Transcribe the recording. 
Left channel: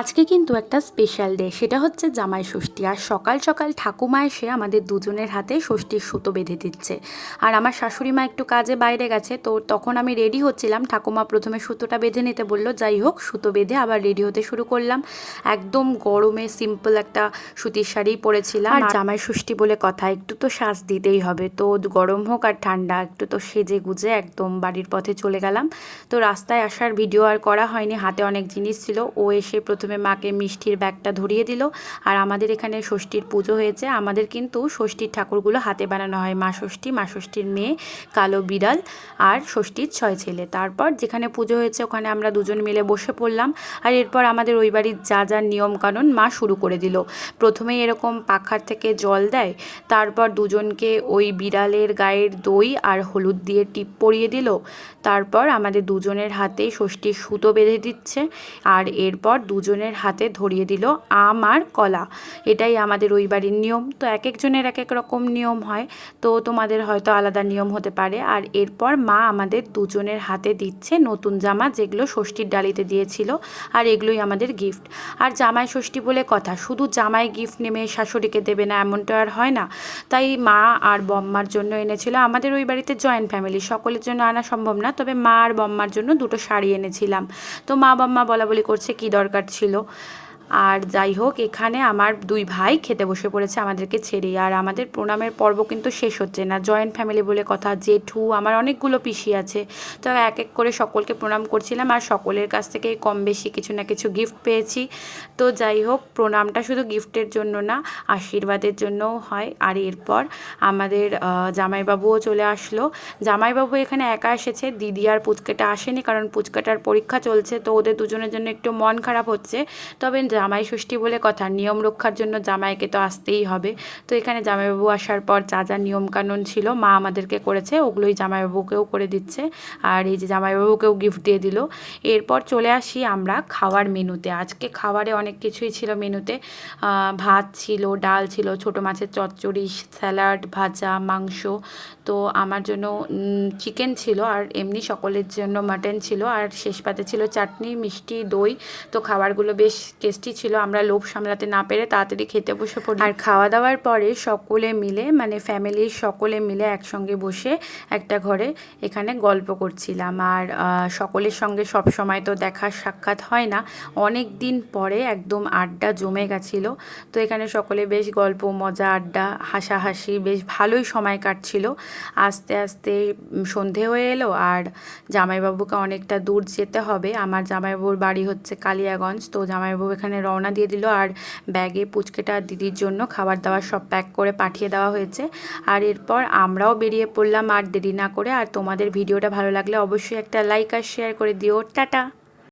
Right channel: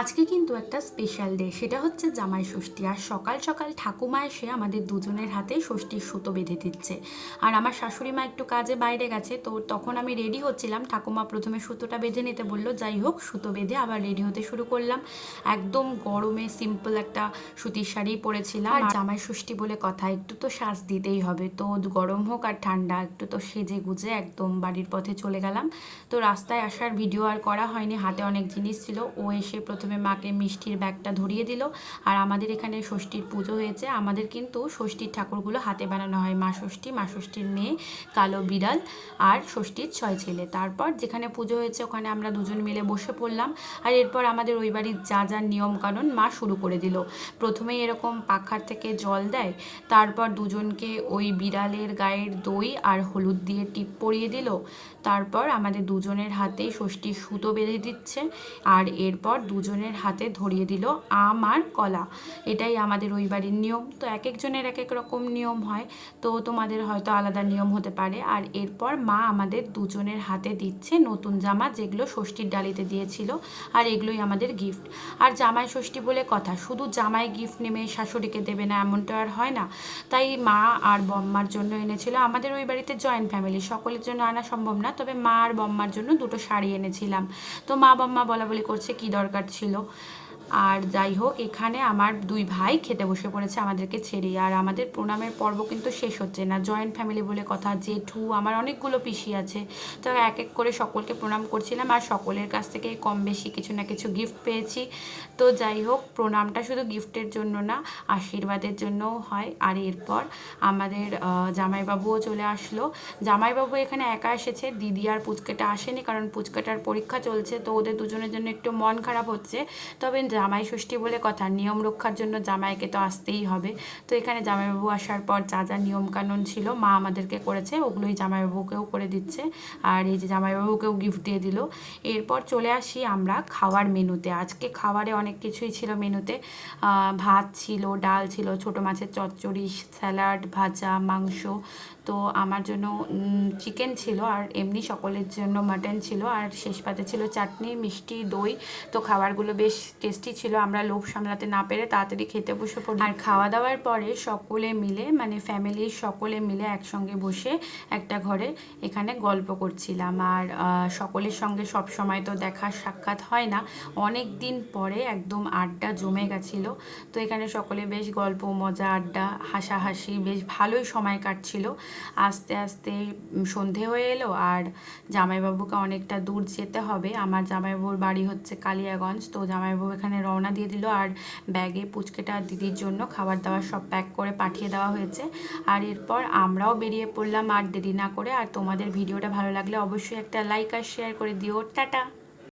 আজকে কিন্তু একটা স্পেশাল ডে সেটা হচ্ছে জামাই ষষ্ঠী। আর সকাল সকাল ঠাকুমা এসে আমাদের দুজনের হাতে ষষ্ঠীর সুতো বেঁধে দিচ্ছে। আর আমার শাশুড়ি মা একটু কাজে বাইরে গেছে তো তখন আমি রেডি হচ্ছিলাম। ঠাকুমা প্রথমে সুতোটা বেঁধে নিতে বলল যাই হোক সুতো বেঁধে আবার রেডি হতে শুরু করলাম। একদম গরমে সিম্পল একটা সুতির শাড়ি পরেছিলাম। আর জামাই ষষ্ঠী বলে কথা একটু তো শ্বাস দিতেই হবে। তো গরম হোক আর ঠান্ডা একটু তো সেজে গুজে একদম বাড়ির পথে চলে গেলাম। তো রাস্তায় আসার ভিডিও আর করা হয়নি হাতে অনেক জিনিস ছিল। ও এসে প্রথমে মাকে মিষ্টির ব্যাগটা ধরিয়ে দিল। আর আমাদের এখানে ষষ্ঠীর পুজো হয়েছে। আমাদের কিন্তু ষষ্ঠীর ঠাকুরগুলো হাতে বানানো হয়। মা ষষ্ঠী, মা ষষ্ঠীর মেয়ে, কালো বিড়াল আর ষষ্ঠীর ছয় ছেলে। তারপর যেখানে পুজো হয়েছে ওখানে আমরা দুজন মিলে বসে পড়লাম। আর এরপর আমাদের ওই বাড়ির যা যা নিয়মকানুন মা শুরু করে দিল। প্রথমেই এরকম পাখার থেকে জল দেয়। তারপর দুজনকে ওই বিড়ালের গায়ের দই আর হলুদ দিয়ে টিপ পরিয়ে দিল। তারপর আমাদের দুজনের হাতে ষষ্ঠীর সুতো বেঁধে দিচ্ছে। আর এরপর দুজনের হাতে ধরিয়ে দিল, আম আর কলা। এটাই আমাদের ওই বাড়ির নিয়ম। তো এক একজনের এক এক রকম নিয়ম হয়। তো তোমাদের হয়তো আলাদা নিয়ম হতে পারে। আর এরপর মা আমাদের দুজনের হাতে দিচ্ছে নতুন জামা, যেগুলো ষষ্ঠীর ডালিতে দিয়েছিল। আর এগুলোই আমাদের গিফট আর জামাই ষষ্ঠী বলে কথা, শুধু জামাই গিফট নেমে শাশুড়িকে দেবে না, এমনটা আর হয় না। তাই মা আর বম্মার জন্য এনেছিল। আমাদের ওই বাড়িতে জয়েন্ট ফ্যামিলি সকলের জন্য আনা সম্ভব না। তবে মা আর বম্মার জন্য দুটো শাড়ি এনেছিলাম। তো মা বম্মা বলা বলি করছে, কি দরকার ছিল? ছিল। আর যাই হোক, এখানে আমার দুই ভাই খেতে বসে পড়েছে আমাদেরকে ছেড়ে। আর আমাদের প্রণামের পর্ব কিন্তু শেষ হচ্ছে না। জয়েন্ট ফ্যামিলি বলে কথা, জেঠু, আমার অনেকগুলো পিসি আছে। তো এক এক করে সকলকে প্রণাম করছিলাম আর সকলের কাছ থেকে কম বেশি কিছু না কিছু গিফট পেয়েছি। তো যাই হোক, প্রণামটা শুধু গিফটের জন্য না, আশীর্বাদের জন্যও হয়। আর এরপর আমাদের জামাইবাবুও চলে আসলো। জামাইবাবু এখানে একা এসেছে, দিদি আর পুচকেটা আসেনি কারণ পুচকাটার পরীক্ষা চলছে। তো ওদের দুজনের জন্য একটু মন খারাপ হচ্ছে। তবে জামাই ষষ্ঠী বলে কথা, নিয়ম রক্ষার জন্য জামাইকে তো আসতেই হবে। তো এখানে জামাইবাবু আসার পর যা যা নিয়মকানুন ছিল, মা আমাদেরকে করেছে, ওগুলোই জামাইবাবুকেও করে দিচ্ছে। আর এই যে জামাইবাবুকেও গিফট দিয়ে দিল। এরপর চলে আসি আমরা খাওয়ার মেনুতে। আজকে খাবারে অনেক কিছুই ছিল মেনুতে। ভাত ছিল, ডাল ছিল, ছোটো মাছের চচ্চড়ি, স্যালাড, ভাজা, মাংস। তো আমার জন্য চিকেন ছিল আর এমনি সকলের জন্য মাটন ছিল। আর শেষ পাতে ছিল চাটনি, মিষ্টি, দই। তো খাবারগুলো বেশ টেস্টি ছিল, আমরা লোভ সামলাতে না পেরে তাড়াতাড়ি খেতে বসে পড়ি। আর খাওয়া দাওয়ার পরে সকলে মিলে মানে ফ্যামিলির সকলে মিলে একসঙ্গে বসে একটা ঘরে এখানে গল্প করছিলাম। আর সকলের সঙ্গে সব সময় তো দেখা সাক্ষাৎ হয় না। অনেক দিন পরে একদম আড্ডা জমে গেছিল। তো এখানে সকলে বেশ গল্প, মজা, আড্ডা, হাসাহাসি বেশ ভালোই সময় কাটছিল। আস্তে আস্তে সন্ধে হয়ে এলো। আর জামাইবাবুকে অনেকটা দূর যেতে হবে। আমার জামাইবাবুর বাড়ি হচ্ছে কালিয়াগঞ্জ। তো জামাইবাবু এখানে রওনা দিয়ে দিল আর ব্যাগে পুচকেটা দিদির জন্য খাবার দাবার সব প্যাক করে পাঠিয়ে দেওয়া হয়েছে। আর এরপর আমরাও বেরিয়ে পড়লাম আর দেরি না করে। আর তোমাদের ভিডিওটা ভালো লাগলে অবশ্যই একটা লাইক আর শেয়ার করে দিও। টাটা!